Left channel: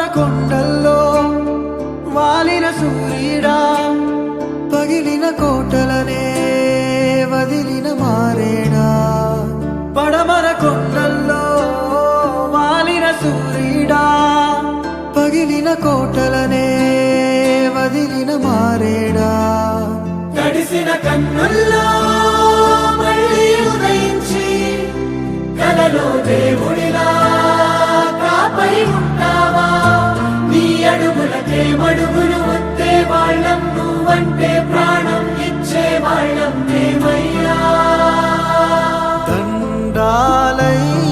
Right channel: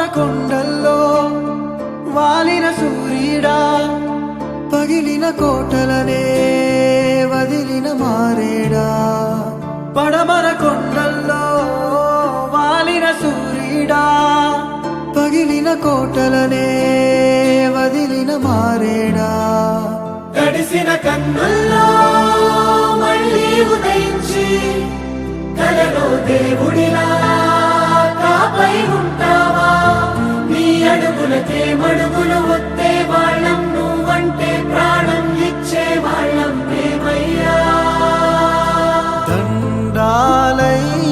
పడమర కొండల్లో వాలిన సూర్యుడా, పగిలిన కోటలనే వదిలిన మారేడా. పడమర కొండల్లో వాలిన సూర్యుడా, పగిలిన కోటలనే వదిలిన మారేడా. తడిసిన కన్నుల్లో మళ్ళీ ఉదయించి కలలో దేవుడిలా కాపై ఉంటావా. నీ అడుగులకే మడుగులు వత్తే వాళ్ళం, నువ్వంటే ప్రాణం ఇచ్చే వాళ్ళం మేమయ్యా. దండాలయ్యా